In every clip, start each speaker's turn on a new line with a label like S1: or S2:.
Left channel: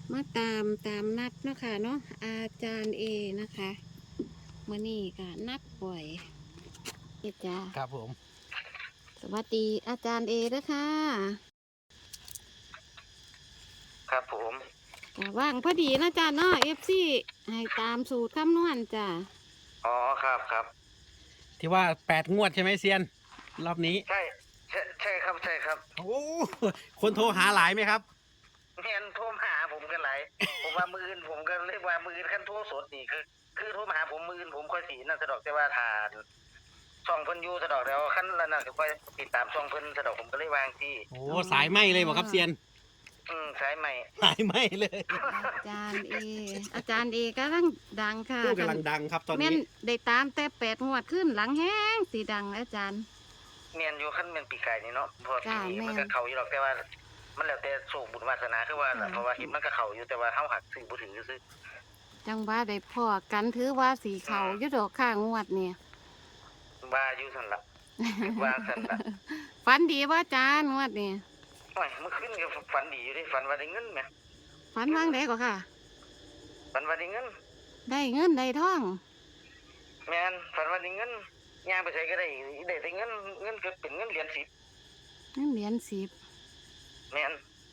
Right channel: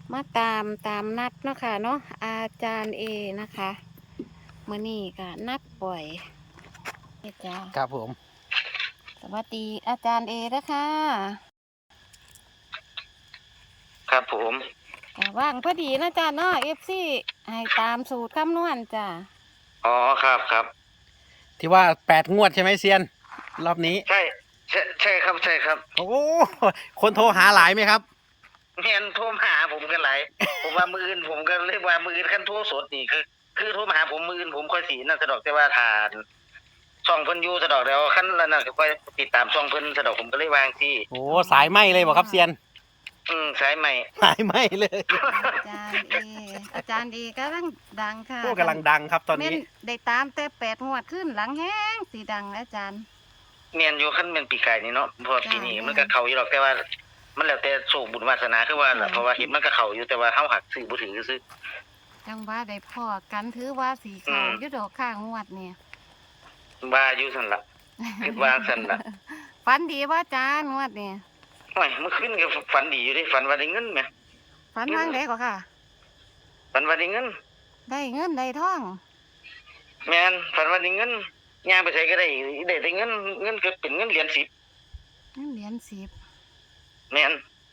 S1: มาตามนัดเนาะค่ะเนาะอาจารย์เอนะคะมื้อนี้ก็นัดปล่อยเด้อจ้า
S2: ครับผม
S1: สวัสดีอาจารย์เอนะคะ
S3: ครับผม
S1: ก็ว่างพอดีนะจ้าเนาะFC ให้ตามสูตรคำนวณจ้า
S3: อ๋อครับครับ
S2: ที่ว่า8 งวดใช่ไหมเซียนรอบนี้
S3: ใช่ครับใช่ครับ
S2: โอ้คนโทรหาหลายไหมครับ
S3: แม่นโทรมาหาผมกันหลายผมว่ามืออื่นผมก็เรียกว่ามืออื่นขั้นโทรสดนี่คือโทรมาหาผมมืออื่นผมค่อยสีนั่นสะดอกแต่ว่าทานช่องเพิ่นอยู่สะดอกแล้วขั้นนั้นน่ะก็ค่อยติดตามช่องเพิ่นสะดอกผมก็เลยวางที่
S2: โอ้สายไหมเลยบอกครับเซียน
S3: สายใหม่
S2: สายไหมเลย
S1: อาจารย์เอกำลังดังค่ะ
S2: โอ้กำลังดังครับตอนนี้
S1: แม่นได้ตามแต่8 งวดขึ้นหลังแห้งสีดังอาจารย์
S3: แม่นอยู่ขั้นแม่นปีกายนี่เนาะเพราะปีนี้มันก็เข้าอยู่หรอกแต่ว่ามันแล้วแต่โชคบุญวาสนาคือว่าเพราะว่าเห็นมันก็เข้าอยู่แต่ว่าเฮาหักซื้อบ่ถือซื้อ
S1: จังว่าได้พอกันถือว่าสีเขาอยู่ดอกข้างงวดเนี่ย
S3: ว่าอยู่ซั่นล่ะวางซั่นล่ะ
S1: ฝันดีว่าจ้างวดเนี่ย
S3: โอ้ยเมื่อคืนก็ฝันดีอยู่เด้ฝันว่าได้เงินแหม
S1: ฝันว่างได้ก็ค่ะ
S3: ฝันว่าได้เงิน
S1: ได้เงินได้ทอง
S3: แม่นฝันว่าได้เงินย่างไปไสก็ได้เงินก็เป็นเงินเหรียญ10
S1: เงินเหรียญ10
S3: แม่น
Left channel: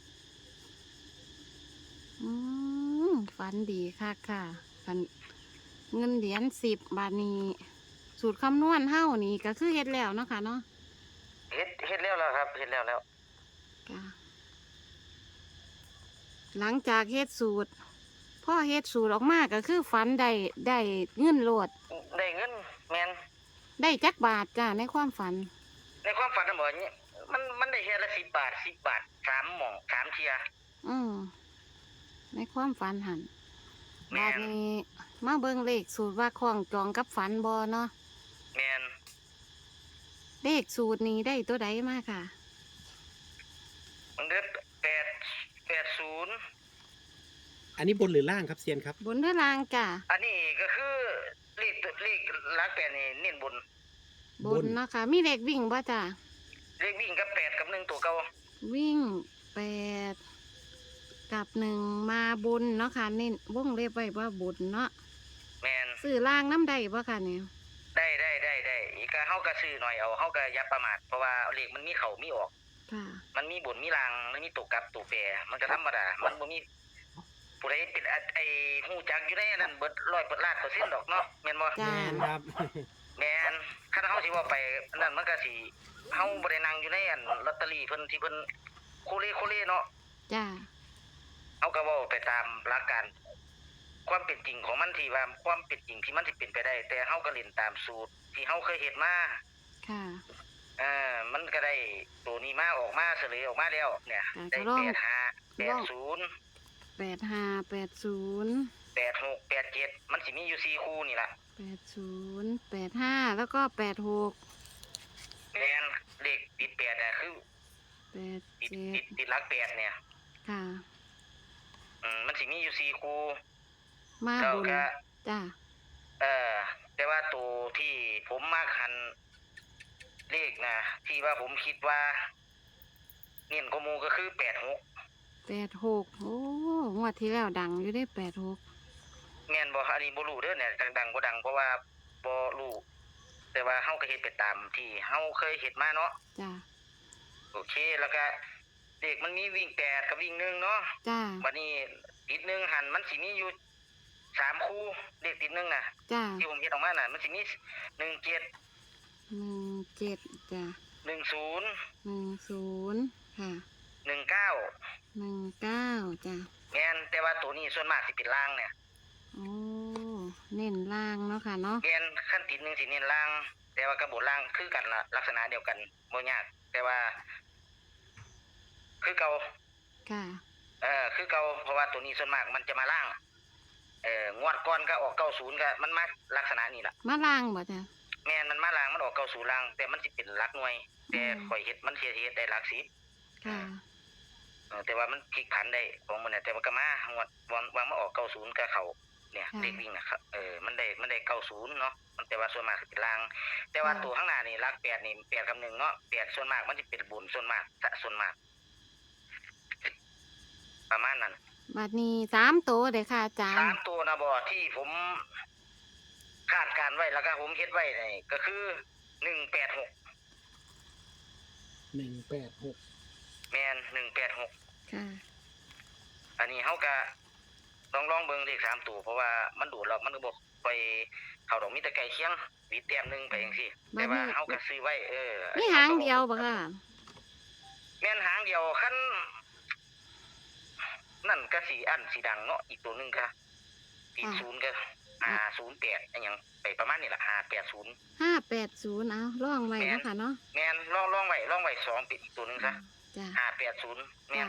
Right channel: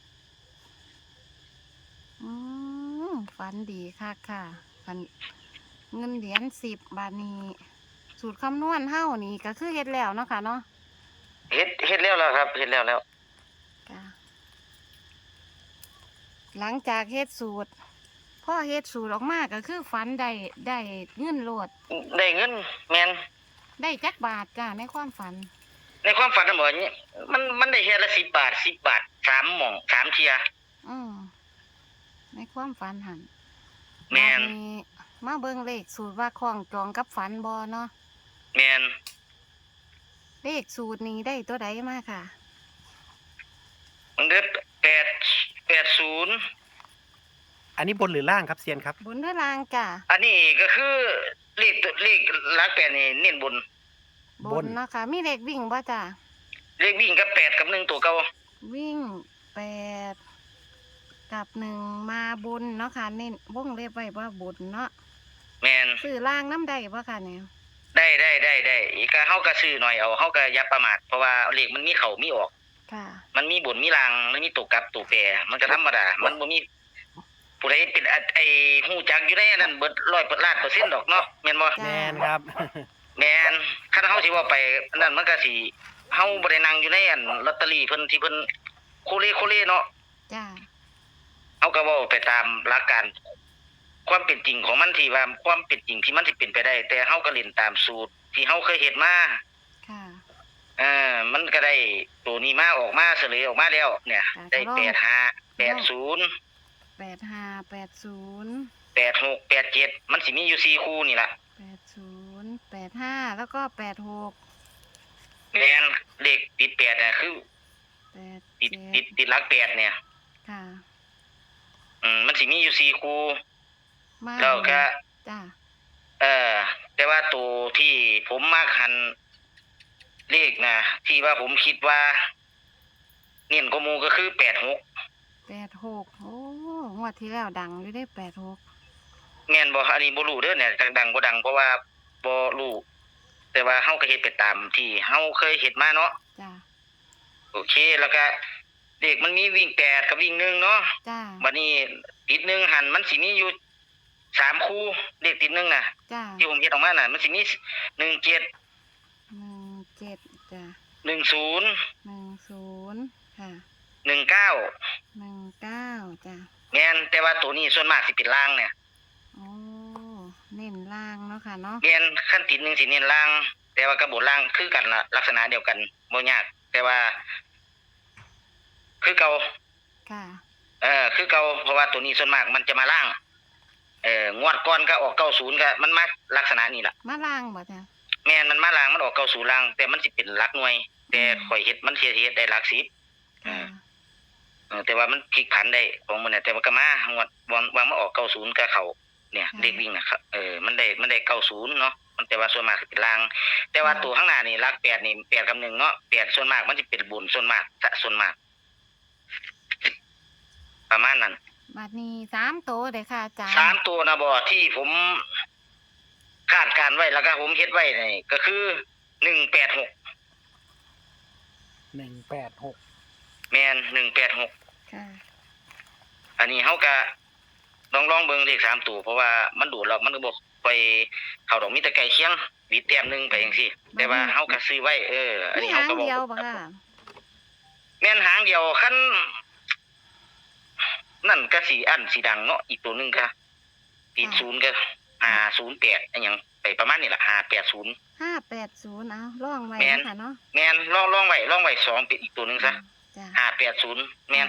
S1: ฝันดีค่ะค่ะฝันเงินเหรียญ10 บาทนี้สูตรคำนวณเฮ้านี่ก็คือเฮ็ดแล้วเนาะค่ะเนาะ
S3: เฮ็ดแล้วล่ะครับเฮ็ดแล้ว
S1: ค่ะหลังจากเฮ็ดสูตรพ่อเฮ็ดสูตรออกมาก็คือฝันได้เงินโลด
S3: ได้เงินแม่น
S1: ได้จักบาทจ้าในความฝัน
S3: ในความฝันน่ะบ่นี่มันได้เทื่อละ10 บาท10 บาท3หม่อง3เที่ย
S1: อืมในความฝันหัน
S3: แม่
S1: บาด
S3: น
S1: นี้มาเบิ่งเลขสูตรว่าคล้องจองกับฝันบ่เนาะ
S3: แม่น
S1: เลขสูตรนี้ได้ตัวใดมาค่ะ
S3: มันได้880
S2: อันนี้บนหรือล่างครับเซียนครับ
S1: บนหรือล่างจ้ะ
S3: อันนี้ก็คือเลขหลัก8นี่เน้นบน
S1: บนเนาะค่ะมีเลขวิ่งบ่จ้ะ
S3: เลขวิ่งกับ8กับ1ตัวเก่า
S1: วิ่ง8กับ1มาบนเนาะค่ะเน้นวงเล็บไว้ว่าบนเนาะ
S3: แม่น
S1: ซื้อล่างน้ำได้บ่ค่ะเนี่ย
S3: ได้อีกก็เฮาก็ซื้อหน่อยเอาเฮาก็อย่าประมาทเพราะว่าเลขมันมีเข้ามีออก
S1: ค่ะ
S3: มันมีบนมีล่างมันมีตัวกลับตัวแปรมันก็ธรรมดามันบ่มีผู้ใดเป็นไอ้ฮู้จักอยู่ในนั้นเบิด100%ดอกเนาะแม่นบ่
S2: แมนครับ
S3: แม่นคันเฮาสิเว้าไปนั่นมันก็สิเฮาบ่ได้นั่งอยู่ในอันลอตเตอรี่เพิ่นที่เพิ่นโคเลเนาะ
S1: จ้า
S3: เฮาก็เว้าไปตามหลักการความเป็นจริงของมันที่ว่าความเป็นจริงที่มันสิเป็นไปได้แต่เฮาก็เล่นตามสูตรที่เฮาเคยเฮ็ดมา
S1: ค่ะ
S3: มันก็ได้ตัวนี้มาออกมาเฉลยออกมาแล้วเนี่ยได้85 80 86 87มันสิมีอยู่4คู่นี่ล่ะ
S1: 80 85แล้วก็86
S3: แม่นเลขติด8น่ะคือติดหลัก8เนี่ย
S1: ค่ะ
S3: มันสิมีอยู่4คู่
S1: มา
S3: ก็
S1: จ้า
S3: แต่ว่าตัวที่ผมมักหันเลขนะที่ว่าผมคิดว่าเน้นกว่าหมู่ก็คือ
S1: 86โอ้งวดที่แล้วดังอยู่ได้86
S3: แม่นบ่อันนี้บ่รู้เด้อเนี่ยดังบ่ดังเพราะว่าบ่รู้แต่ว่าเฮาก็เฮ็ดไปตามที่เฮาเคยเฮ็ดมาเนาะ
S1: จ้า
S3: โอเคแล้วก็เลขมันมีวิ่ง8กับวิ่ง1เนาะ
S1: จ้า
S3: บัดนี้ติด1หันมันสิมีอยู่3คู่เลขติด1น่ะ
S1: จ้า
S3: ที่ผมเฮ็ดออกมาน่ะมันสิมี17
S1: 17จ้า10ค่ะ19จ้า
S3: แม่นแต่ว่าตัวนี้ส่วนมากสิเป็นล่างเนี่ย
S1: โอ้เน้นล่างเนาะค่ะเนาะ
S3: แม่นขั้นติด1สิเน้นล่างแต่ว่ากระบวนล่างคือกันล่ะลักษณะเดียวกันบ่ยากแต่ว่าคือเก่า
S1: ค่ะ
S3: คือเก่าเพราะว่าตัวนี้ส่วนมากมันจะมาล่างงวดก่อนก็ออก90ก็มันมาลักษณะนี้ล่ะ
S1: มาล่างบ่จ้ะ
S3: แม่นมันมาล่างมันออก90ล่างแต่มันสิเป็นหลักหน่วยแต่ข่อยเฮ็ดมันเฮ็ดได้หลัก10แต่ว่ามันพลิกผันได้ของมันน่ะแต่ว่าก็มางวดวางมาออก90ก็เข้าเนี่ยเลขวิ่งนะครับมันได้90เนาะมันแต่ว่าส่วนมากสิเป็นล่างแต่ว่าตัวข้างหน้านี่หลัก8นี่8กับ1เนาะ8ส่วนมากมันสิเป็นบุญส่วนมากประมาณนั้น
S1: บัดนี้3ตัวเด้อค่ะอาจารย์
S3: 3ตัวนะบ่ที่ผมคาดการไว้แล้วก็ผมเฮ็ดไว้นี่ก็คือ186
S2: 186
S3: แม่น186
S1: ค่ะ
S3: อันนี้เฮาก็ลองเบิ่งเลข3ตัวเพราะว่ามันดูแล้วมันก็บ่ไปเข้าดอกมีแต่ไก่เคียงวิดแต้มหนึงไปจังซี่แต่ว่าเฮาก็ซื้อไว้อัน
S1: มี
S3: นี้
S1: หา
S3: เฮาง ก็
S1: เดียวบ่ค่ะ
S3: แม่นหางเดียวคันนั่นก็สิอันสิดังเนาะอีกตัวหนึงก็ติด0ก็508อันหยังไปประมาณนี้ล่ะ580
S1: 580เอาลองไว้เนาะค่ะเนาะ
S3: แม่นลองไว้2เป็นอีกตัวหนึงซะ
S1: จ้ะ
S3: 580แม่น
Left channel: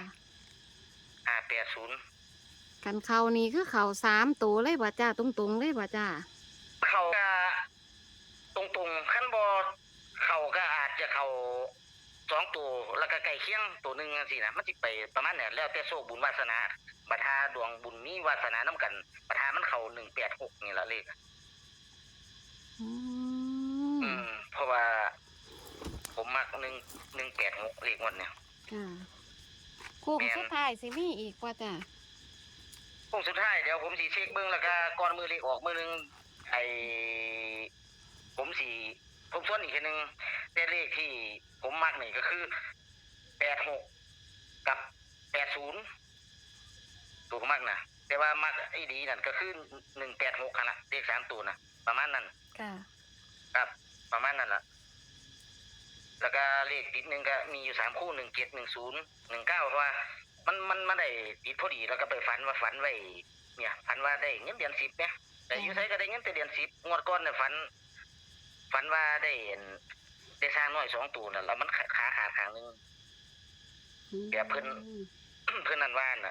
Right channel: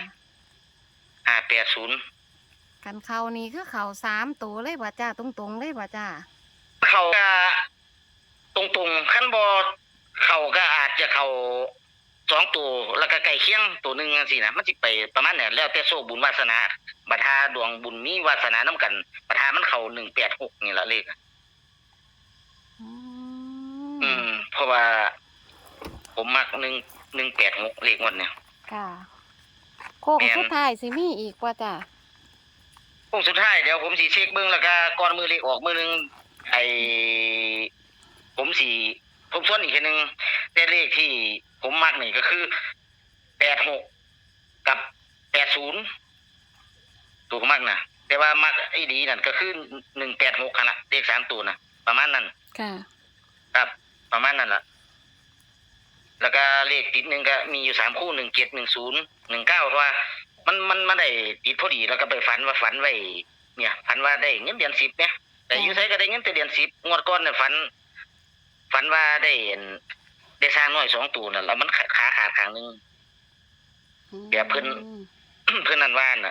S3: 580
S1: กันเขานี่คือเขา3ตัวเลยบ่จ้าตรงๆเลยบ่จ้า
S3: เขาก็ตรงๆคันบ่เขาก็อาจจะเข้า2ตัวแล้วก็ไก่เคียงตัวหนึงจังซี่นะมันสิไปประมาณนั้นแล้วแต่โชคบุญวาสนาบัดหาดวงบุญมีวาสนานํกันบัดหามันเข้า186นี่ล่ะเลข
S1: อืม
S3: เพราะว่าผมมัก186เลขงวดเนี่ย
S1: ค่ะโค้งสุดท้ายสิมีอีกบ่จ้า
S3: พวกสุดท้ายเดี๋ยวผมสิเช็คเบิ่งแล้วก็ก่อนมือเลขออกมือนึงผมสิทบทวนอีกทีนึงแต่เลขที่ผมมักนี่ก็คือ86กับ80ถูกมักนะแต่ว่ามักไอ้ดีนั่นก็คือ186คั่นล่ะเลข3ตัวนะประมาณนั้น
S1: ค่ะ
S3: ครับประมาณนั้นล่ะแล้วก็เลขติดหนึงก็มีอยู่3คู่17 10 19เพราะว่ามันได้ติดพอดีแล้วก็ไปฝันไว้เนี่ยฝันว่าได้เงินเดือน10เนี่ยแต่อยู่ไสก็ได้เงินแต่เดือน10งวดก่อนเนี่ยฝันว่าได้สร้างน้อย2ตัวนั่นแล้วมันขาขาดข้างนึง เดี๋ยวเพิ่น เพิ่นนั่นว่าน่ะ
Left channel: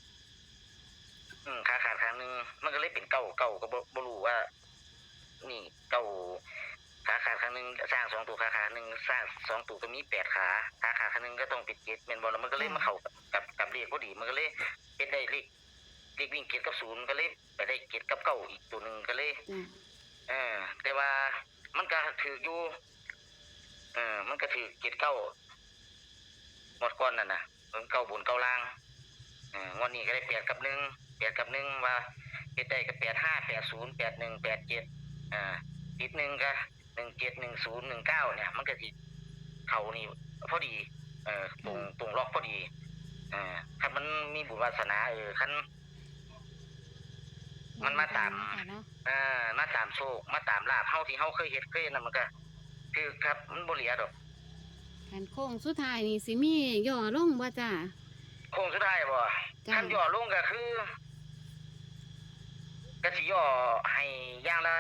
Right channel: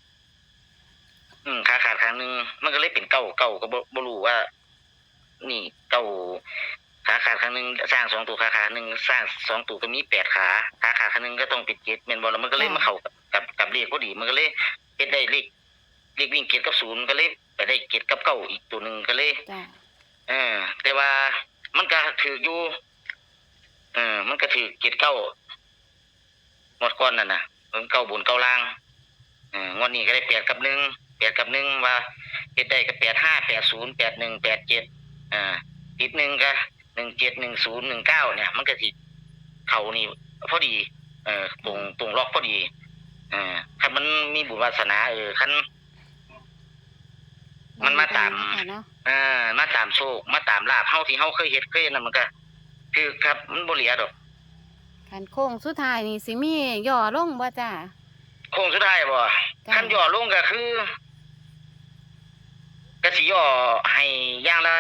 S3: ขาขาดข้างนึงมันก็เลยเป็นเก้าก็บ่รู้ว่า นี่เก้าขาขาดข้างนึงสร้าง2ตัวขาขานึงสร้าง2ตัวก็มี8ขาขาข้างนึงก็ต้องเป็น7แม่นบ่แล้วมันก็เลยมาเข้ากับเลขพอดีมันก็เลยเฮ็ดได้เลขวิ่ง7กับ0ก็เลยไปได้7กับ9อีกตัวนึงก็เลย
S1: จ้า
S3: แต่ว่ามันก็ถืออยู่มันก็ถือ7 9หมดก่อนนั่นน่ะมันเก้าบนเก้าล่างงวดนี้ก็ได้8กับ1ว่าเฮ็ดได้ก็85 80 81 87ติด1ก็17 10 19เนี่ยมันก็สิเข้านี่พอดีตรงล็อกพอดีคันมันมีบุญวาสนาคันมันมาตาม
S1: ค่ะเนาะ
S3: มาตามโชคมาตามลาภเฮาที่เฮาเคยเฮ็ดนั่นมันก็คือครับมันบ่เหลือดอก
S1: กันโค้งสุดท้ายนี่สิมีย่อลงบ่จ้า
S3: โค้งสุดท้ายบ่
S1: จ้ะ
S3: คันย่อลงก็คือก็สิย่อให้อย่างละ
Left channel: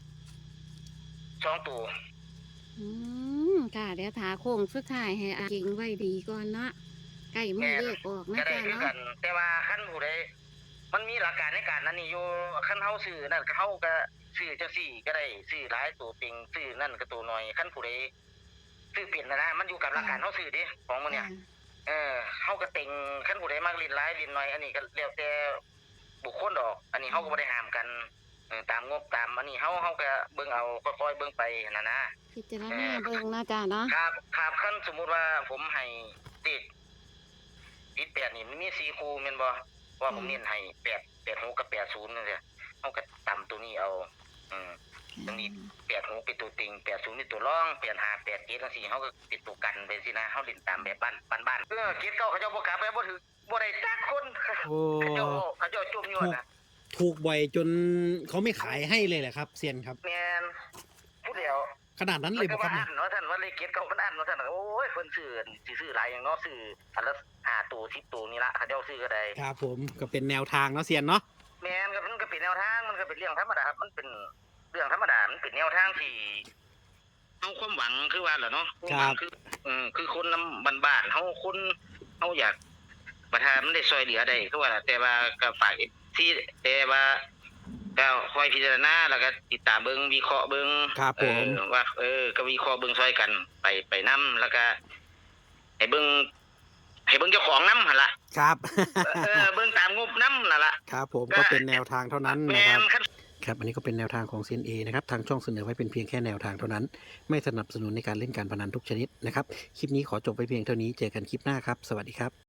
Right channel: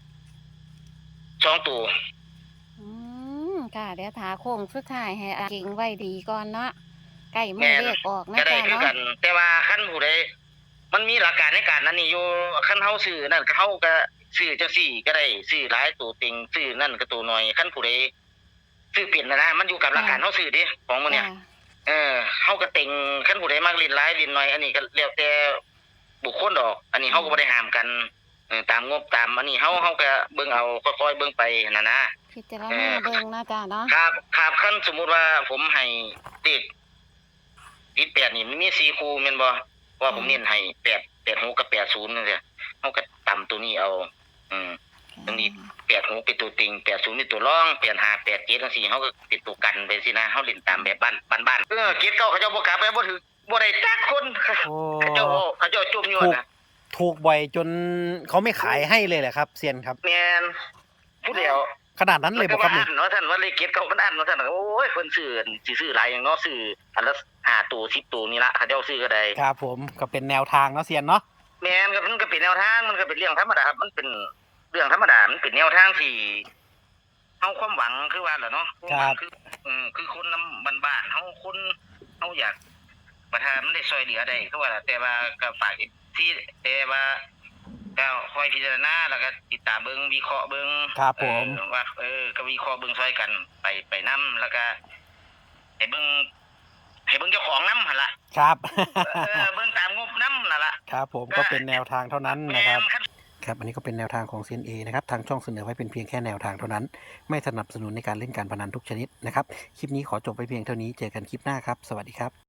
S3: 2ตัว
S1: ค่ะเดี๋ยวถาโค้งสุดท้ายให้อาเก่งไว้ดีก่อนเนาะใกล้มือเลขออกนะ
S3: ก็ได้
S1: จ้า
S3: คือ
S1: เนาะ
S3: กัน แต่ว่าคันผู้ใดมันมีหลักการในการนั้นนี่อยู่คันเฮาซื้อนั่นก็เฮาก็ซื้อจังซี่ก็ได้ซื้อหลายตัวเต็งซื้อนั่นก็ตัวน้อยคันผู้ใดซื้อเป็นนะมันอยู่กับหลักการเฮาซื้อเด้ของมันเนี่ย
S1: จ้า
S3: เฮาก็เต็งคันผู้ใดมักเล่นหลายเล่นน้อยอันนี้ก็แล้วแต่บุคคลดอก อันนี้เฮาก็บ่ได้ห้ามกันตามงบตามอันนี้เฮาก็เบิ่งเอาค่อยๆเบิ่งไปนั่นนะ
S1: พิจารณาเบิ่งนะจ้าเนาะ
S3: ครับคันสมมุติว่าผมให้เด็กติด8นี่มันมี4คู่แม่นบ่ว่าผมเน้นให้8 6กับ80นั่นแหละเฮาก็ตามตัวนี้เอาอันนี้86เป็นตัวติง80เป็นตัวรอง85 87จังซี่เฮาก็เป็นตัวกันไปสินะเฮาเล่นตามแบบบ้านเกียรติเก่าเขาเจ้าบ่กลับไปบ่ถือบ่ได้จักคน
S2: โอ้
S3: เขาเจ้าจุ่มอยู่นะ
S2: ถูกบ่อยจนเขาไม่ขายให้เลยแหละครับเซียนครับ
S3: แม่นผู้เดียว
S2: ขนาดนั้นเลยบ่ครับ
S3: เนี่
S2: เนี่ย
S3: เนาะท่านว่าเลขเกียรติเก่ามันอันเนาะท่านโอ้ยเพิ่นซื้อสิซื้อหลายอย่างเนาะซื้ออันละ5ตัว10ตัวนี่ละเขาเจ้าซื้อก็ได้
S2: ครับผมก็เป็นแนวทางเนาะเซียนเนาะ
S3: แม่นก็มันก็เป็นแนวทางมันก็เป็นเรื่องธรรมดาครับมันเป็นเรื่องธรรมดามันเป็นแนวทางที่เฮาความหวังคือว่าแหละเนาะความหวังคือคนนำบ้านๆเฮาคนเฮาอยากประทานมันได้ช่วยเหลือได้คือว่าแต่ว่าก็ฝากที่แต่ว่าก็คอยพิจารณาแล้วก็ติดตามเบิ่งวิเคราะห์เบิ่ง
S2: ครับผม
S3: ว่าก็วิเคราะห์เบิ่งช่วยกันไปนำแล้วก็ให้เบิ่งเจ้าของนำหั่นล่ะ
S2: ครับ
S3: เบิ่งตามงบนำนั่นล่ะ
S2: ครับผมก็เป็นแนวทางเท่านั้นนะครับ
S3: แม่น
S2: ครับอันนี้ก็เป็นแนวทางของเซียนเอนะครับทางช่องเสนอไว้เป็นเพียงแค่แนวทางเท่านั้นไม่สนับสนุนในการเล่นการพนันทุกชนิดนะครับคลิปนี้ขอจบไปเพียงเท่านี้เจอกันคลิปหน้าครับสวัสดีครับ